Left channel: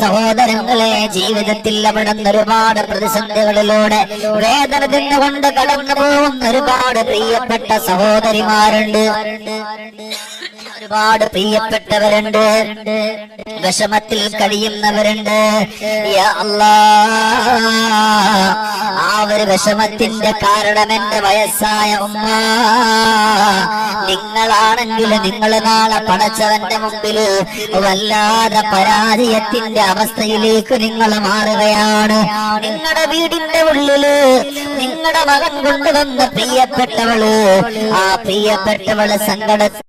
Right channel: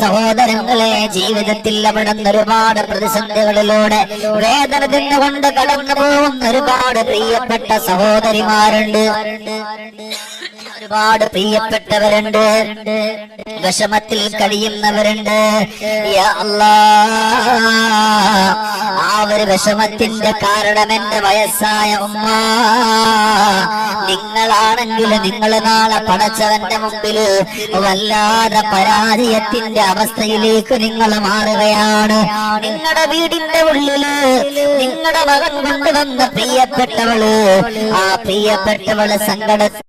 സഹോദരങ്ങളെ, ജീവിതത്തിൽ അവിടുന്ന് ഒരുപാട് പ്രതിസന്ധികളിലൂടെ വേദന തിന്നുകൊണ്ട് കടന്നു പോകുന്ന ഒരുപാട് പ്രിയപ്പെട്ട സഹോദരിമാരുണ്ട്, ഒരുപാട് പ്രിയപ്പെട്ടവരുണ്ട്, വിഷമത്തിൽ കഴിയുന്നവരുണ്ട്. യാ അല്ലാഹ്, ആ ഒരു വിഷമത്തിന്റെ കാരണം എന്റെ വയസ്സായ ഉമ്മ. നിങ്ങളാണെങ്കിൽ നിങ്ങൾ നാളെ പടച്ചവന്റെ മുമ്പിൽ വല്ലാതെ പരാജയത്തിന്റെ അവസ്ഥയിലേക്ക് നിങ്ങൾ മാറുകയാണ്. നിങ്ങളുടെ വീടിന്റെ ഉള്ളില് നിങ്ങളുടെ മകൻ കൊണ്ടുവന്ന പ്രിയപ്പെട്ടവള്, ആ പ്രിയപ്പെട്ടവള് സങ്കടത്തിലും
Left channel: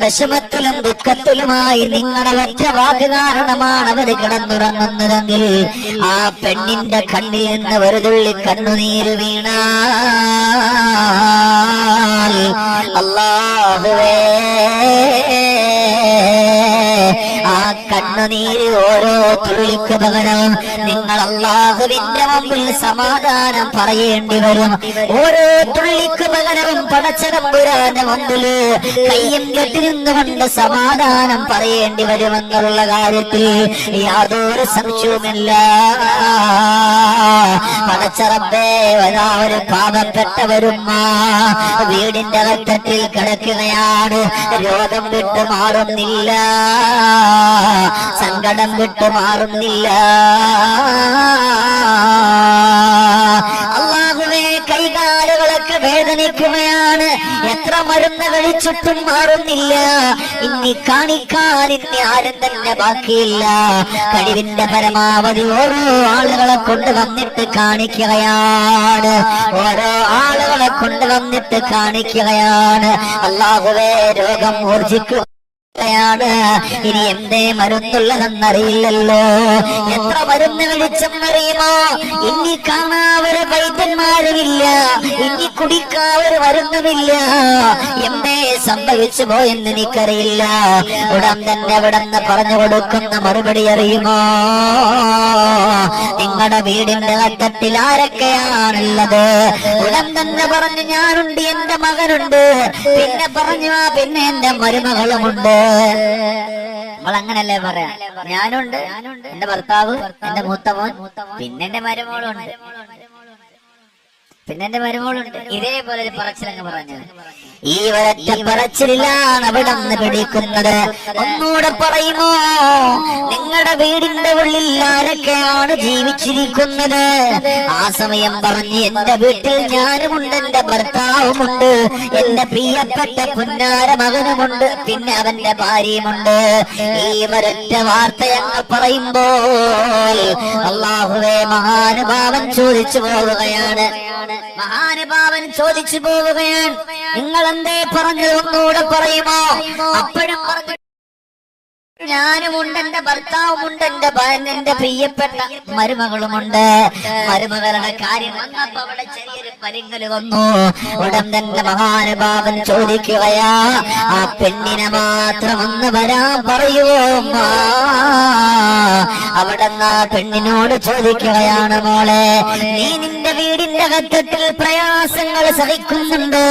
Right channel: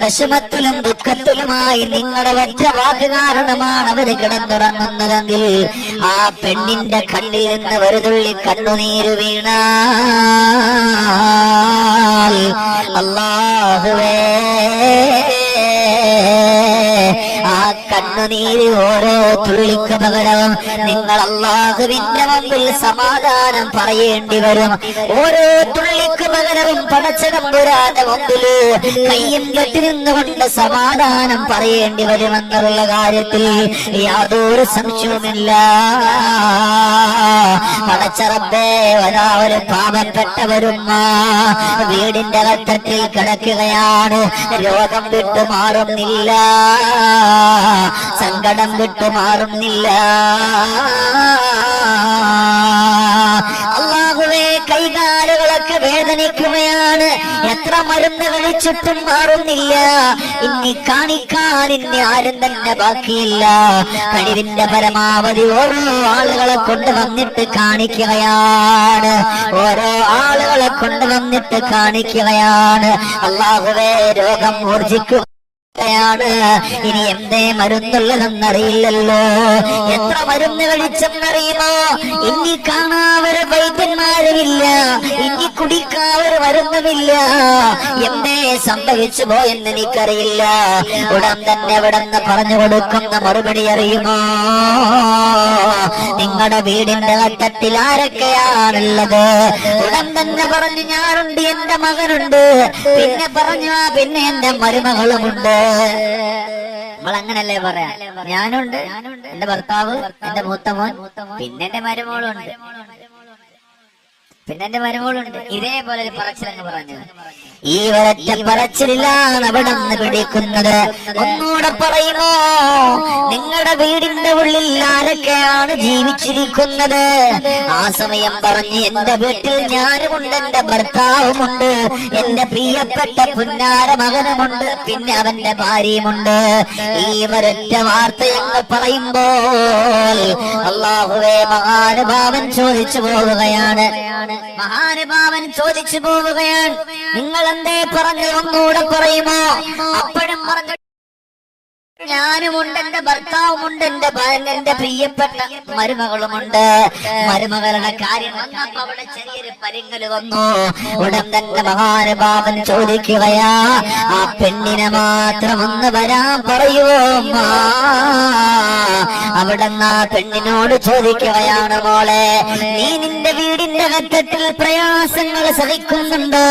വിഷമത്തിലും ദുഃഖത്തിലുമായി നിങ്ങളുടെ ഒറ്റ വാക്ക് കാരണമാണ് അവര് കിടന്നുറങ്ങുന്നതെങ്കിൽ ആ പെണ്ണിന്റെ കണ്ണിൽ നിന്ന് ഒരു തുള്ളി കണ്ണുനീര് വീണാൽ അല്ലാഹുവേ, ആ കണ്ണുനീര് ഓരോ തുള്ളിക്ക് പകരം നിങ്ങൾ അല്ലാഹുവിന്റെ മുമ്പിൽ സമാധാനം പറയേണ്ടി വരും. ഓരോ തുള്ളിക്ക് പകരവും പടച്ചതമ്പുരാന്റെ മുമ്പില് കയ്യും കെട്ടിരുന്നുകൊണ്ട് സമാധാനം പറയേണ്ടി വരുമെന്നുള്ള കാര്യത്തിൽ യാതൊരു സംശയവുമില്ല. പടച്ചറബേ, ഒരു പാവപ്പെട്ടവരുമ്മ വീടിന്റെ അകത്തത്തിൽ കിടക്കുകയാണ്. രോഗം വിട്ടു മാറുന്നില്ല, സങ്കടം വിട്ടു മാറുന്നില്ല. അല്ലാഹുവേ, കൈകാലുകളൊക്കെ വേദനിക്കുകയാണ്. എത്ര മരുന്ന് കഴിച്ചിട്ടും മാറുന്നില്ല. ഇനി കാണിക്കാൻ ഇനി ആരും തന്നെ ബാക്കിയില്ല. കഴിവിന്റെ പരമാവധി ഓരോ ആളുകളെ കൊണ്ടുവന്നിട്ട് കാണിക്കുകയാണ്, ഓരോ ആളുകളെ കൊണ്ടുവന്നിട്ട് കാണിക്കുകയാണ്. അല്ലാഹുവേ, രോഗം ഊർജിക്കുക. ഇനി എന്തേ മരുന്നുള്ളതെന്നറിയില്ലല്ലോ. എത്ര മരുന്ന് കഴിച്ചെന്നറിയുമോ? ഇനി കാണാവരെ വൈദ്യന്മാരുമില്ല, ഇനി കുടിക്കാവര് മരുന്നുമില്ല. എന്തേ സംഭവിച്ചു പോയെന്ന് എനിക്കറിയില്ല. ഉടൻ തന്നെ ഇവിടെന്ന് പറഞ്ഞു കൊടുക്കുന്ന മറുപടി അറിയുമോ? നിങ്ങളുടെ വീടിന്റെ അറ്റത്തിൽ ആരൊക്കെയാണുള്ളത്? ഉടൻ തന്നെ പറഞ്ഞു, ഞാനുണ്ട്, എന്റെ മകനുണ്ട്, പിന്നെ പറഞ്ഞു പിന്നെ എന്റെ മരുമകളുമുണ്ട്. നമ്മൾ അങ്ങനല്ലേ പറയാ, ഞാനുണ്ട്, എന്റെ ഭർത്താവ്, എന്റെ മൂത്തമോൻ, പിന്നെ എന്റെ മരുമോളുണ്ട്, പിന്നെ എന്റെ മരുമോളുണ്ട്. ഇതേപോലെ ഒരു പറച്ചിലങ്ങ് പറഞ്ഞു. ഈ ഒരൊറ്റ പറച്ചിലാണ് അവിടെ നിന്ന് പിടിക്കുന്നത്. ഒന്നുകൂടെ പറയുമോ? നിങ്ങളുടെ വീടിന്റെ ഉള്ളിൽ ആരൊക്കെയാണ് ജീവിച്ചിരിക്കുന്നത്? ആ സമയം പറഞ്ഞ്, എന്റെ വീട്ടിൽ ഞാനുമുണ്ട്, എന്റെ ഭർത്താവുമുണ്ട്, എന്റെ പ്രിയപ്പെട്ട പുന്നാര മകനുമുണ്ട്, പിന്നെ അവന്റെ ഭാര്യയുമുണ്ട്. ഈ ഒരൊറ്റ വാർത്തയങ്ങ് പറയുമ്പോൾ അല്ലാഹുവേ, മഹാനുഭാവൻ ചോദിച്ചു പോവുകയാണ്. മഹാനുഭാവൻ ചോദിച്ചു പോവുകയാണ്, നിങ്ങൾ എന്തേ പറഞ്ഞത്? ഒന്നുകൂടെ പറയുമോ? അപ്പോഴും പറഞ്ഞു, ഞാനുമുണ്ട്, എന്റെ ഭർത്താവുമുണ്ട്, എന്റെ പ്രിയപ്പെട്ട മരുമകളുമുണ്ട്. മരുമകളുടെ കാര്യം വന്നപ്പോ അവിടെ ചെറിയൊരു പരിങ്ങല് വന്നു. ഉടൻ തന്നെ മഹാനുഭാവൻ ചോദിക്കുകയാ, ആ പെണ്ണിനെ മാത്രം ഒന്ന് വരാൻ പറയുവോ? അവിടെ ആ പെണ്ണിനോട് ചോദിക്കുകയാണ്, മോളെ, നീ നിന്റെ വീടിന്റെ അകത്തത്തിൽ പ്രയാസങ്ങൾ സഹിക്കുന്നുണ്ടോ?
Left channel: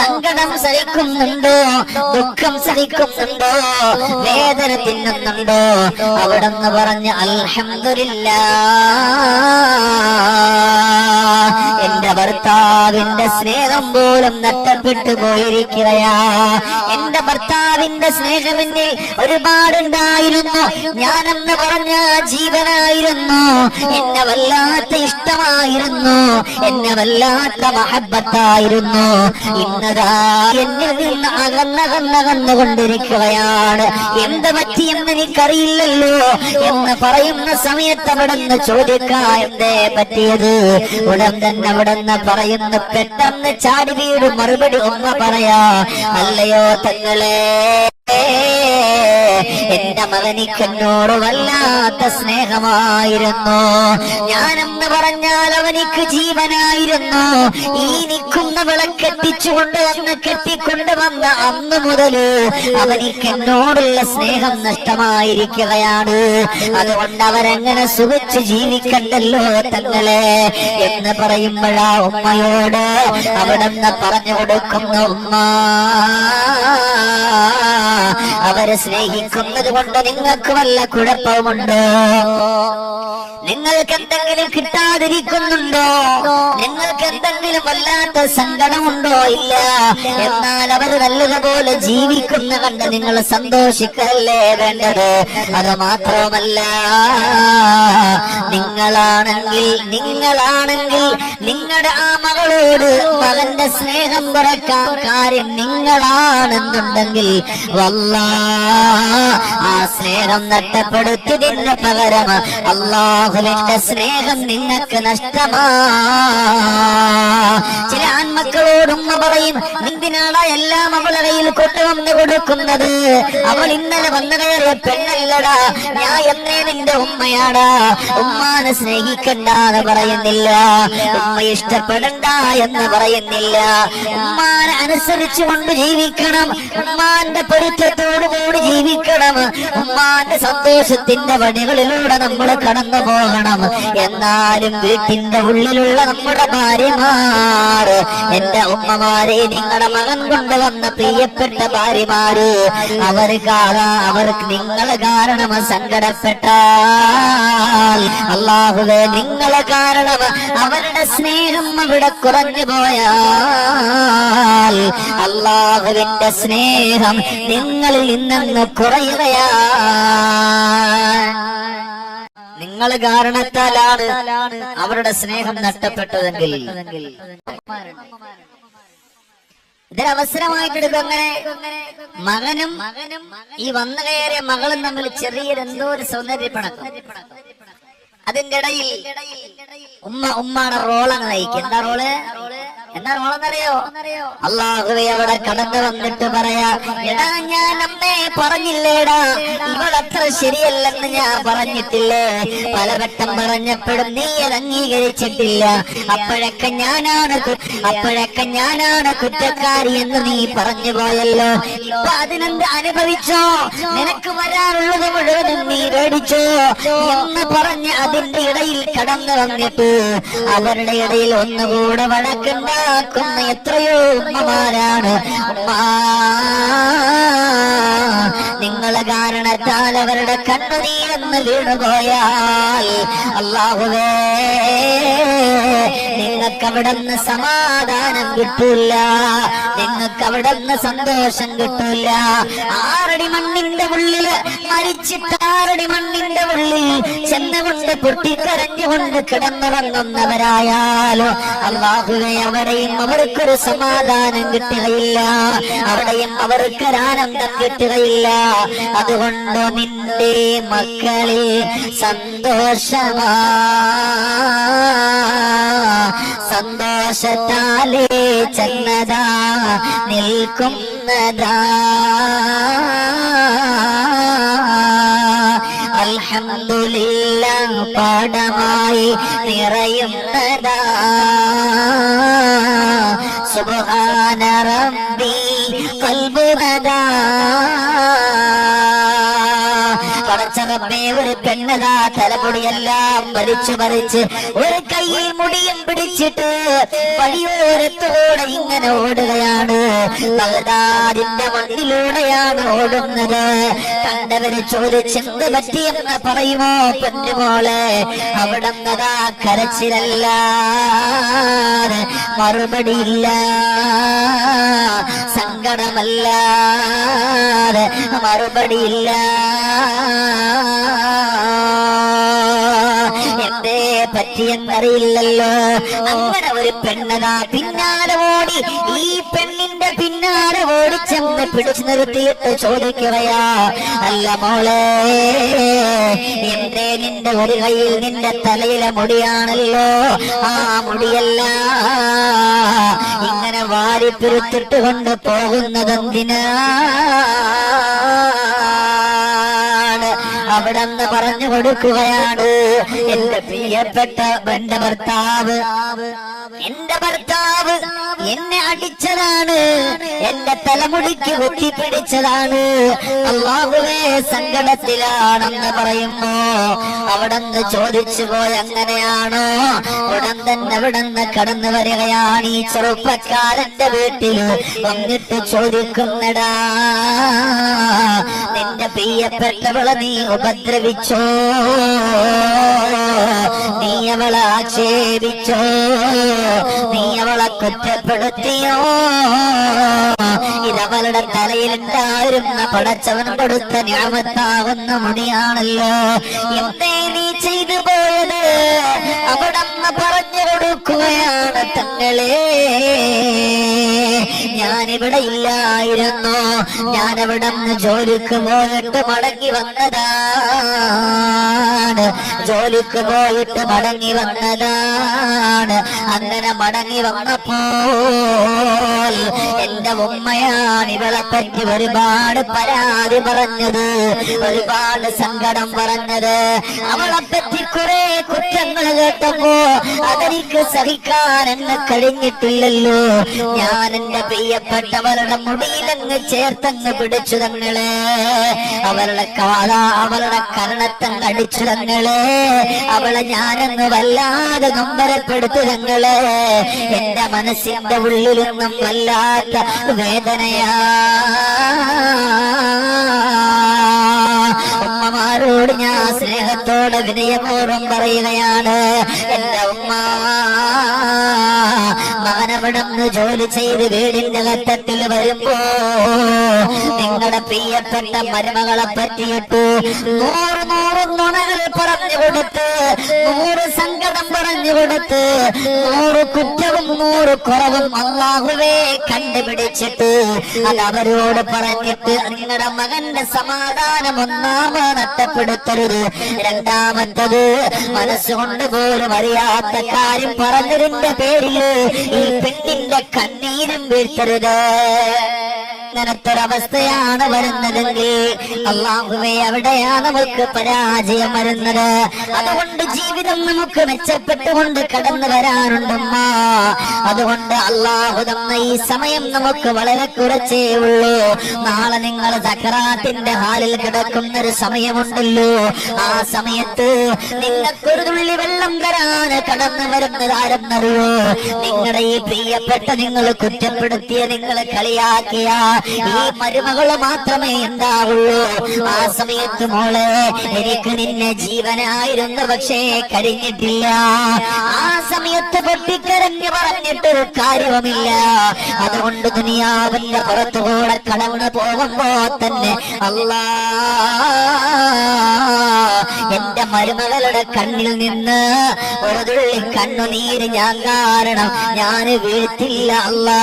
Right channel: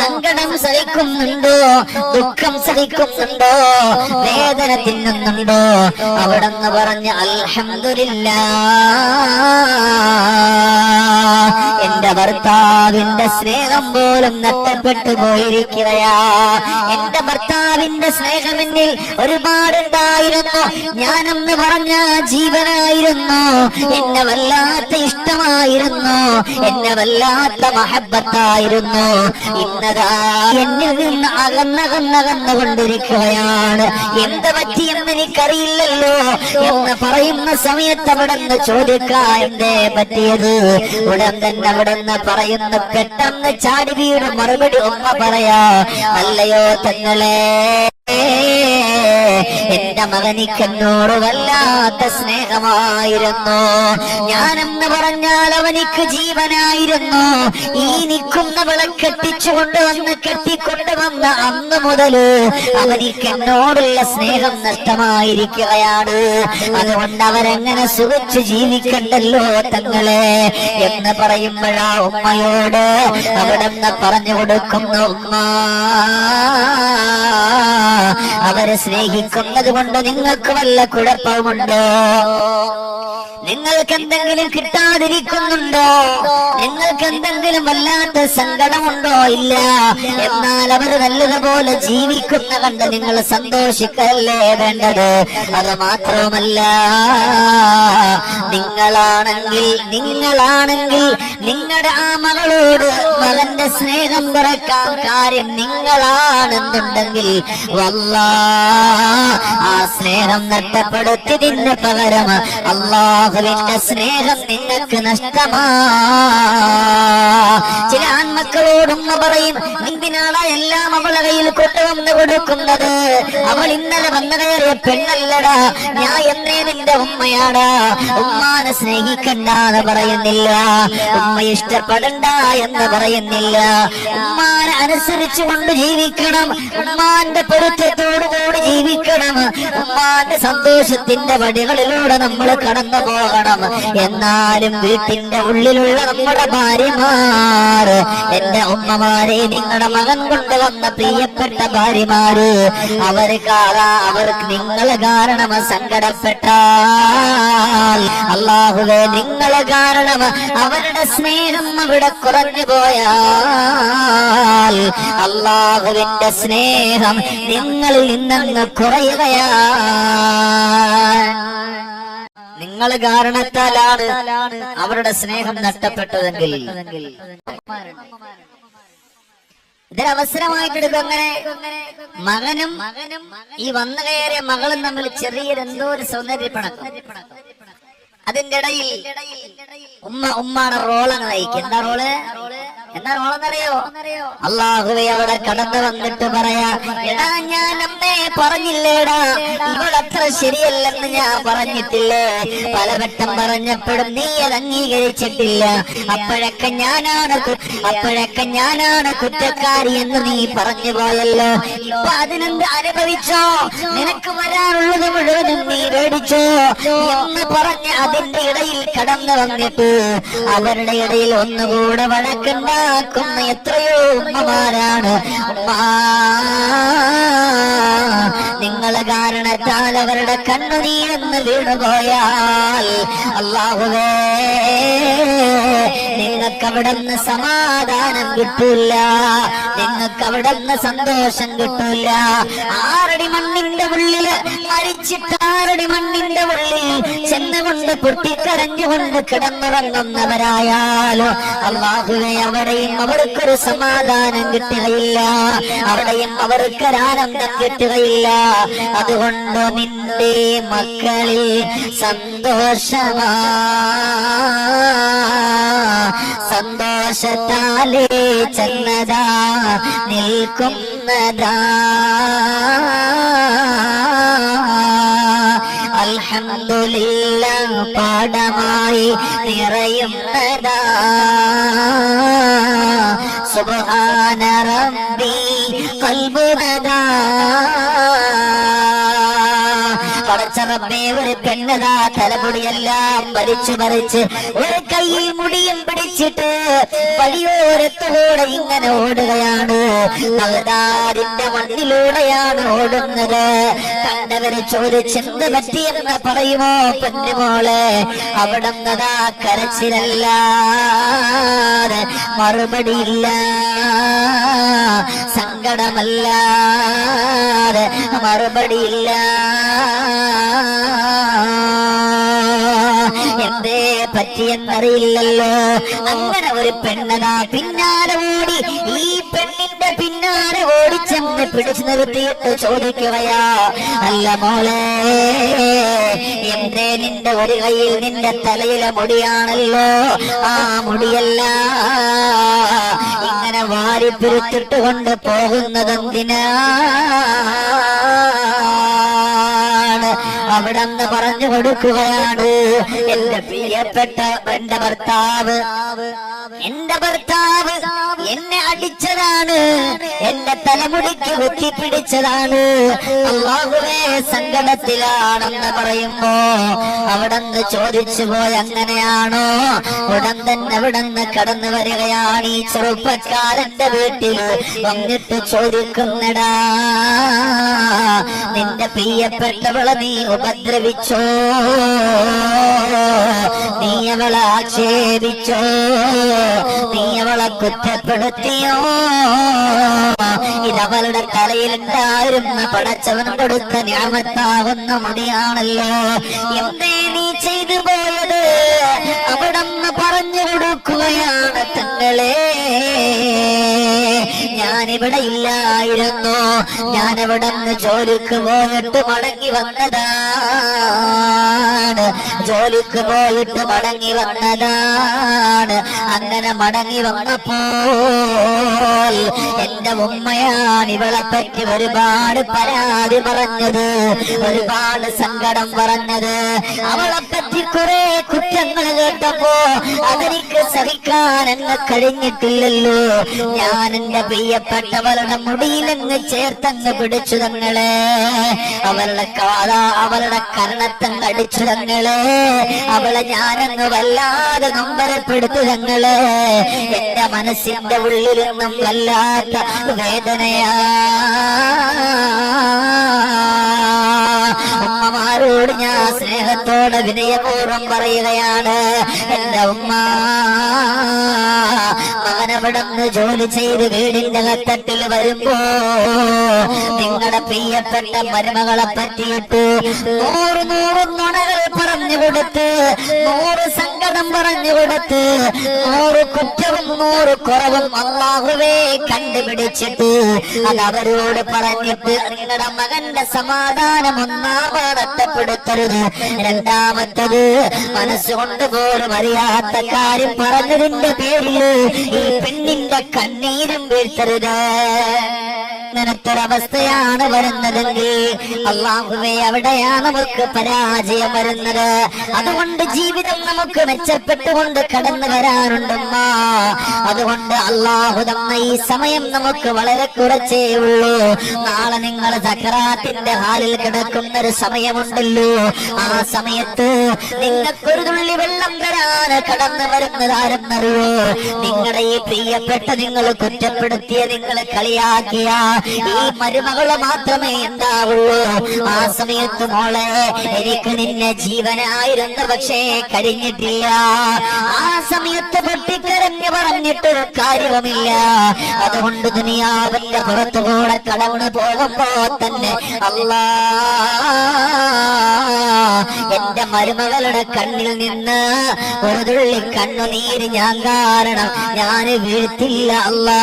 സങ്കടം സഹിക്കുന്നുണ്ടോ? ദുഃഖം സഹിക്കുന്നുണ്ടോ? വേദന തിന്നുന്നുണ്ടോ? അവിടെ നിന്ന് പറഞ്ഞ്, അൽഹംദുലില്ലാഹ്, എന്റെ ഭർത്താവിന്റെ സ്നേഹം പോലും നഷ്ടപ്പെട്ടു പോയിരിക്കുകയാ. എന്റെ ഭർത്താവിന്റെ സ്നേഹമെന്നിൽ ഒരുപാടുണ്ടായിരുന്നു. ഞാനെന്ന് പറഞ്ഞ ജീവനായിരുന്നു, എന്നെ വല്ലാത്ത ഇഷ്ടമായിരുന്നു, എന്നെ വല്ലാത്ത മഹബത്തായിരുന്നു. ഇന്നതാ എന്നിൽ നിന്ന് അകന്നകന്നകന്നുകൊണ്ടിരിക്കുകയാണ്. എന്ത് പറ്റിയെന്ന് എനിക്കറിയില്ലല്ലോ എന്ന് പറയുന്ന സമയത്ത് അവിടെ നിന്ന് ചോദിക്കാ, എന്തേ പറ്റിയത്? ഉടൻ തന്നെ അവിടെ നിന്ന് പറയുന്നു, പെട്ടെന്ന് ചാടി വീടും മറുപടി ഉമ്മ പറയാ, അല്ലയോ തങ്ങളെ, എന്റെ മകനിക്കെന്നോട് വല്ലാത്ത സ്നേഹമായിരുന്നു. ഞാനെന്ന് പറഞ്ഞാൽ അവനിക്ക് ജീവനായിരുന്നു. ഈ നിൽക്കുന്നവളെ കെട്ടിക്കൊണ്ടുവന്ന അന്ന് മുതല് അവനിക്കെന്നോടുള്ള സ്നേഹം നഷ്ടമായിരിക്കുകയാണ്. അതുകൊണ്ട് അവരെങ്ങനെ സുഖിച്ച് ജീവിക്കണ്ടല്ലോ തങ്ങളെ എന്ന് പറയുമ്പോഴാ ഉമ്മയോട് അവിടെ നിന്ന് പറഞ്ഞു കൊടുക്കുന്നു, ഉമ്മ അവരെ സ്നേഹിക്കുന്നത് കൊണ്ട് നിങ്ങൾക്ക് വല്ല കുഴപ്പമുണ്ടോ? നിങ്ങൾക്ക് എന്തെങ്കിലും കിട്ടാതിരിക്കുന്നുണ്ടോ? നിങ്ങൾക്ക് എന്തെങ്കിലും വല്ലാത്ത സങ്കടമുണ്ടോ? ഇല്ല. എന്നാൽ അവർ നല്ലതുപോലെ ജീവിക്കുന്ന കണ്ട് നിങ്ങൾ സന്തോഷിക്കല്ലേ വേണ്ടത്. അത് മാത്രമല്ല, നിങ്ങളാണെങ്കിൽ നിങ്ങളുടെ ആ മകളോട് മകന്റെ സ്നേഹം കുറയ്ക്കാൻ കാര്യം നിങ്ങളാണെന്നുണ്ടെങ്കിൽ ആ സ്നേഹം നഷ്ടപ്പെടുത്തിയതിന് പകരം അല്ലാഹുവിന്റെ സ്നേഹം നിങ്ങൾക്ക് നഷ്ടമാ. ചില ആൺമക്കളോട് ഉമ്മ പറയും, എന്തിനാണ് എല്ലാം അവളെ കയ്യിൽ കൊണ്ടുവന്ന് കൊടുക്കുന്നത്? അവൾ ഇന്നലെ വന്നു കയറിയ പെണ്ണല്ലടാ, ഞാൻ എന്നേ നിന്റെ ഉമ്മയാടാ. ഉമ്മാനെ സ്നേഹിക്കണ്ടെന്ന് പറയുന്നില്ല, ഉമ്മ ഇഷ്ടപ്പെടണ്ട എന്ന് പറയുന്നില്ല. ഉമ്മാനെ അനുസരിച്ചുകൊണ്ട് ജീവിക്കണം, ഉമ്മാന്റെ പൊരുത്തത്തോടുകൂടി ജീവിക്കണം, ഉമ്മാന്റെ സന്തോഷത്തിന്റെ വഴികളിലൂടെ നമ്മൾ കടന്നു പോകണം. എന്നാലും വീട്ടിന്റെ ഉള്ളിലുള്ള നമ്മുടെ ഭാര്യമാര്, എന്റെ ഉമ്മമാരെ, നിങ്ങളുടെ മകൻ കൊണ്ടുവന്ന പ്രിയപ്പെട്ട ഭാര്യമാര്, അവർക്ക് നിങ്ങൾ കാരണം സങ്കടപ്പെട്ടാൽ, അല്ലാഹുവേ നിങ്ങളെ കാരണം അവരുടെ സ്നേഹം അവിടെ കുറഞ്ഞു പോയാൽ, അല്ലാഹുവിന്റെ സ്നേഹം നിങ്ങളിൽ നിന്ന് കുറയുകയാ. നിങ്ങൾ കാരണത്താലാണ് അവരുടെ സ്നേഹം നഷ്ടപ്പെട്ടതെങ്കിൽ ഇതൊരവസരമായിട്ടെടുക്കും. അങ്ങനെ മകനും ഈ വന്നു കയറിയ മകളും തമ്മിൽ ചെറിയൊരെന്തോ ഒരു സൗന്ദര്യപ്പണക്കം. അതിന്റെ ഇടയിൽ ഉമ്മാണ് റോളങ്ങ് നയിക്കുക. എന്താ റോളെന്നറിയോ? അല്ലാഹുവേ അവിടെ കടന്നു വന്നിട്ട് പറയാ, എടാ ഞാൻ അമ്മേ പറഞ്ഞില്ലേടാ, ഇവളത്ര ശരിയല്ലെന്ന് ഞാൻ പറഞ്ഞിട്ടില്ലേ? പലവട്ടം പറഞ്ഞപ്പോഴും നീ അത് അംഗീകരിച്ചിട്ടില്ല. അപ്പോഴൊക്കെ ഞാനാണ് കുറ്റക്കാരി എന്ന് നീ പറഞ്ഞു പോയല്ലോ. ഇപ്പൊ അതിനെന്ത് അനുഭവിച്ചോ? നിനക്ക് വരാനുള്ളത് മുഴുവനും നീ മേടിച്ചോ എന്ന് പറഞ്ഞ് അതിന്റെ ഇടയിൽ കടന്നു വന്നിട്ട് അവരുടെ ഇടയിൽ ഒന്നുകൂടെ വഴക്കുണ്ടാക്കുന്ന എത്രയോ ഉമ്മമാരാണ്. നിങ്ങളെ കാരണത്താൽ അവരുടെ കണ്ണുനീരെന്ന് വീണുപോയാൽ, അല്ലാഹുവേ നിങ്ങൾക്ക് അവിടുന്ന് സമാധാനം കിട്ടൂല, നിങ്ങൾക്ക് അവിടുന്ന് സന്തോഷം കിട്ടൂല. 6 അടി മണ്ണിന്റെ ഉള്ളില് മരിച്ചിട്ട് 6 അടി മണ്ണിന്റെ ഉള്ളിൽ ചെന്നുകൊണ്ട് പൊട്ടിക്കരഞ്ഞുകൊണ്ട് കിടന്നുറങ്ങുന്നവരായാലോ അല്ലാഹുവേ അവിടെയും അവർക്കൊരു സമാധാനം കിട്ടുകയില്ല, അവിടെയും അവർക്കൊരാനന്ദം കിട്ടുകയില്ല. അതുകൊണ്ട് നിന്റെ മക്കളിൽ സന്തോഷത്താലേ ചെന്നതാ നിൽക്കുന്നതാ. അൽഹംദുലില്ലാഹ് പാഠമായി നിറയുന്നതാ. സുബ്ഹാന റബ്ബി ഖൽബുനദാ. പടച്ചറബേ, ഒരു പെണ്ണതാ തലമുടിയെല്ലാം വലിച്ചു ഒരു കയ്യിൽ മുടിയും പിടിച്ചിട്ട് വഴിയോരത്തോടെ ഇങ്ങനെ ഓടുകയാണ്. ബഗ്ദാദിന്റെ മണ്ണിലൂടെയാണ് ഓടുന്നത്. കണ്ടവര് ചോദിച്ചെന്ത് പറ്റിയെന്ന് പറയുമോ? പെണ്ണുമോളെ, അവിടുന്നതാ കരച്ചിലല്ല, മറുപടിയില്ല, സങ്കടമല്ല, മറുപടിയില്ല. എന്തേ പറ്റിയെന്നറിയില്ലല്ലോ. അങ്ങനെ ഒരു പെണ്ണതാ പിന്നാലെ ഓടി, ഈ പെണ്ണിന്റെ പിന്നാലെ ഓടിച്ചെന്ന് പിടിച്ചു നിർത്തിയിട്ട് ചോദിക്കുകയാ, അല്ല മോളെ, എന്തേ നിന്റെ ഒരു കയ്യിൽ നിന്റെ തലയിലെ മുടിയാണല്ലോ, ആ മുടിയല്ല ഇങ്ങനെ വാരിപ്പിരുത്തിട്ട് കൊണ്ട് പോകുന്നതെന്തിനാ? അവിടെന്ന് പറഞ്ഞു കൊടുക്കുകയാണ്, എന്റെ പ്രിയപ്പെട്ട എന്റെ ഭർത്താവ് എന്റെ ഭർത്താവ് എന്നെ അടിച്ചതാണ്, എന്റെ തലമുടിക്ക് കുത്തിപ്പിടിച്ചതാണ്, അല്ലാഹുവേ സങ്കടത്തിലാണെന്ന് പറയുമ്പോ അവിടെന്ന് ചോദിച്ചു പോയി അങ്ങനെയാണോ? ഉടൻ തന്നെ അവിടെന്ന് കടന്നു വരികയാണ് ഈ ചെറുപ്പക്കാരന്റെ വീട്ടിൽ വന്നിട്ട് ചോദിക്കുന്നടാ, നിന്റെ പ്രിയപ്പെട്ടവളെ നീ ഉപദ്രവിച്ചോ? നീ അവളെ ആക്ഷേപിച്ചോ? നീ അവളെ കുറ്റപ്പെടുത്തിയോ? ഇതവളുടെ തലയിലുണ്ടായിരുന്ന പടച്ചവൻ കൊടുത്ത നിഅമത്താവുന്ന മുടിയാണല്ലോ, എന്തേ നീ ചെയ്തു പോയത്? അവിടന്ന് പറഞ്ഞു കൊടുക്കുകയാണ്, തങ്ങളെ ഞാനിവിടെ ഇല്ലായിരുന്നു, ഞാനവിടന്ന് ജോലിക്ക് പോയിട്ട് മടങ്ങി വന്നതാണ്, ജോലിക്ക് പോയിട്ട് മടങ്ങി വന്നതാണ്. അങ്ങനെ മടങ്ങി വന്നപ്പോൾ എന്റെ ഉമ്മയാണ് ഇവളെ പറ്റി ഒരുപാട് പരാതി പറഞ്ഞത്, ഒരുപാട് സങ്കടം പറഞ്ഞത്. അവളെ പറ്റി കുറെ കുറ്റങ്ങൾ കേട്ടപ്പോ അതെനിക്ക് സഹിക്കാൻ എന്നെ കഴിഞ്ഞിട്ടില്ലല്ലോ. ഞാൻ എന്റെ പ്രിയപ്പെട്ടവളുടെ മുടിയിലങ്ങ് ചേർത്തങ്ങ് പിടിച്ചു തങ്ങളെ, അവളുടെ അവളുടെ കരണത്തങ്ങ് അടിച്ചു തങ്ങളെ, അവളെ ഞാനങ്ങ് വല്ലാതെ നൊമ്പരപ്പെടുത്തു തങ്ങളെ. എന്റെ മനസ്സിന്റെ ഉള്ളിൽ നിന്നും വല്ലാത്ത വേദനയാ. ഉമ്മമാരോട് ഞാൻ സ്നേഹത്തോടെ വിനയപൂർവ്വം പറയുകയാണ്, എന്റെ ഉമ്മ മകനവിടുന്ന് ജോലി ചെയ്ത് വീടിന്റെ കത്തട്ടിൽ വരുമ്പോ നിങ്ങളുടെ പ്രിയപ്പെട്ട മരുമകളെ പറ്റിയിട്ട് 100 നുണകൾ പറഞ്ഞു കൊടുത്ത്, 100 സങ്കടം പറഞ്ഞു കൊടുത്ത്, 100 കുറ്റവും 100 കുറവും അല്ലാഹുവേ കണ്ടുപിടിച്ചിട്ട് അത് അവരോട് പറഞ്ഞിട്ട് നിങ്ങളുടെ മകന്റെ സമാധാനം ഒന്നാമത് നഷ്ടപ്പെടുത്തരുത്. രണ്ടാമത്തത് മനസ്സുകൊണ്ട് പോലും അറിയാത്ത കാര്യം പറഞ്ഞതിന്റെ പേരിൽ ഈ പെണ്ണിന്റെ കണ്ണീരും വീഴ്ത്തരുത്. അങ്ങനത്തൊരവസ്ഥയാണ് വരുന്നതെങ്കിൽ അല്ലാഹുവേ അവിടെയാണ് നമുക്ക് പരാജയം വരുന്നത്. അതുകൊണ്ട് ജീവിതം നമുക്ക് മെച്ചപ്പെട്ടുകൊണ്ട് കടന്നു വരാനുണ്ടമ്മ. അതുകൊണ്ട് അല്ലാഹു തന്ന ഈ സമയം നമുക്ക് വളരെ കുറച്ചേ ഉള്ളൂ. നാളെ നിങ്ങൾ സക്കറാത്തിന്റെ ഹാലിൽ കിടക്കുന്ന ഒരു സമയമുണ്ടല്ലോ, ആ സമയത്ത് നിങ്ങൾക്കൊരു തുള്ളി വെള്ളം തരാൻ കടന്നു വരുന്നത് ആരെന്നറിയോ? നിങ്ങളുടെ ഈ പ്രിയപ്പെട്ട നിങ്ങൾ കുറ്റപ്പെടുത്തിയ, നിങ്ങൾ കളിയാക്കിയ ഈ മരുമകള് മാത്രമേ ഉണ്ടാവുള്ളൂ. ആ സമയത്ത് മോളെ എനിക്ക് നിന്നെ ജീവനായിരുന്നു, പക്ഷേ കഴിഞ്ഞിട്ടില്ല. ആ സമയത്ത് പൊട്ടിക്കരഞ്ഞു പറഞ്ഞിട്ടൊരു കാര്യവുമില്ല. അതുകൊണ്ട് ദുനിയാവിന്റെ പുറത്തുകൂടെ കടന്നു പോകുമ്പോ തന്നെ അല്ലാ എന്റെ മരുമകളുടെ കണ്ണിൽ നിന്ന് ഒരു തുള്ളി കണ്ണുനീര് ഞാൻ കാരണം ഞാൻ വീഴ്ത്തില്ല അല്ലാ,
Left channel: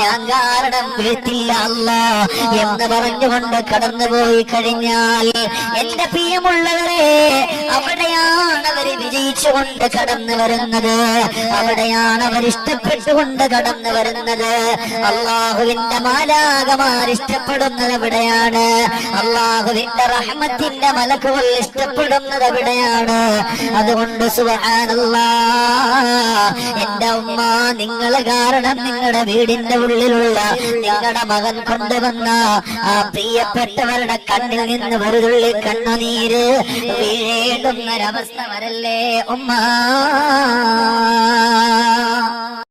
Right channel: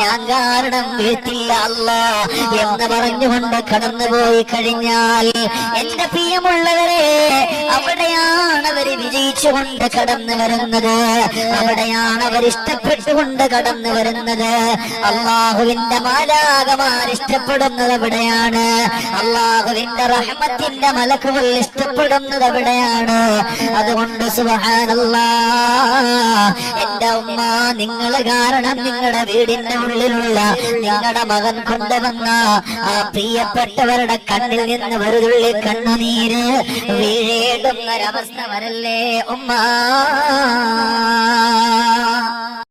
ഞാൻ കാരണം വീഴ്ത്തില്ല അല്ലാ എന്ന് പറഞ്ഞുകൊണ്ട് കടന്നുപോയി കഴിഞ്ഞാൽ എന്റെ പ്രിയമുള്ളവരെ അവിടെയാണ് അവർ വിജയിച്ചുകൊണ്ട് കടന്നു വരുന്നത്, അവിടെയാണ് അവർ ഇഷ്ടപ്പെട്ടുകൊണ്ട് കടന്നു വരുന്നത്. അല്ലാഹുവിന്റെ മാലാകമാർ ഇഷ്ടപ്പെടുന്നത് അവിടെയാണ്, അല്ലാഹുവിന്റെ റഹ്മത്തിന്റെ മലക്കുകൾ ഇഷ്ടപ്പെടുന്നത് അവിടെയാണ്. അതുകൊണ്ട് സുബ്ഹാനല്ലാഹ് എന്റെ ഉമ്മ, നിങ്ങള് കാരണം നിങ്ങളുടെ വീടിന്റെ ഉള്ളിലുള്ള നിങ്ങളുടെ മകൻ കൊണ്ടുവന്ന ആ പ്രിയപ്പെട്ടവരുടെ കണ്ണിൽ നിന്ന് ഒരു തുള്ളി കണ്ണുനീര് വീഴേണ്ടുന്നൊരവസ്ഥ വരല്ലേ ഉമ്മ.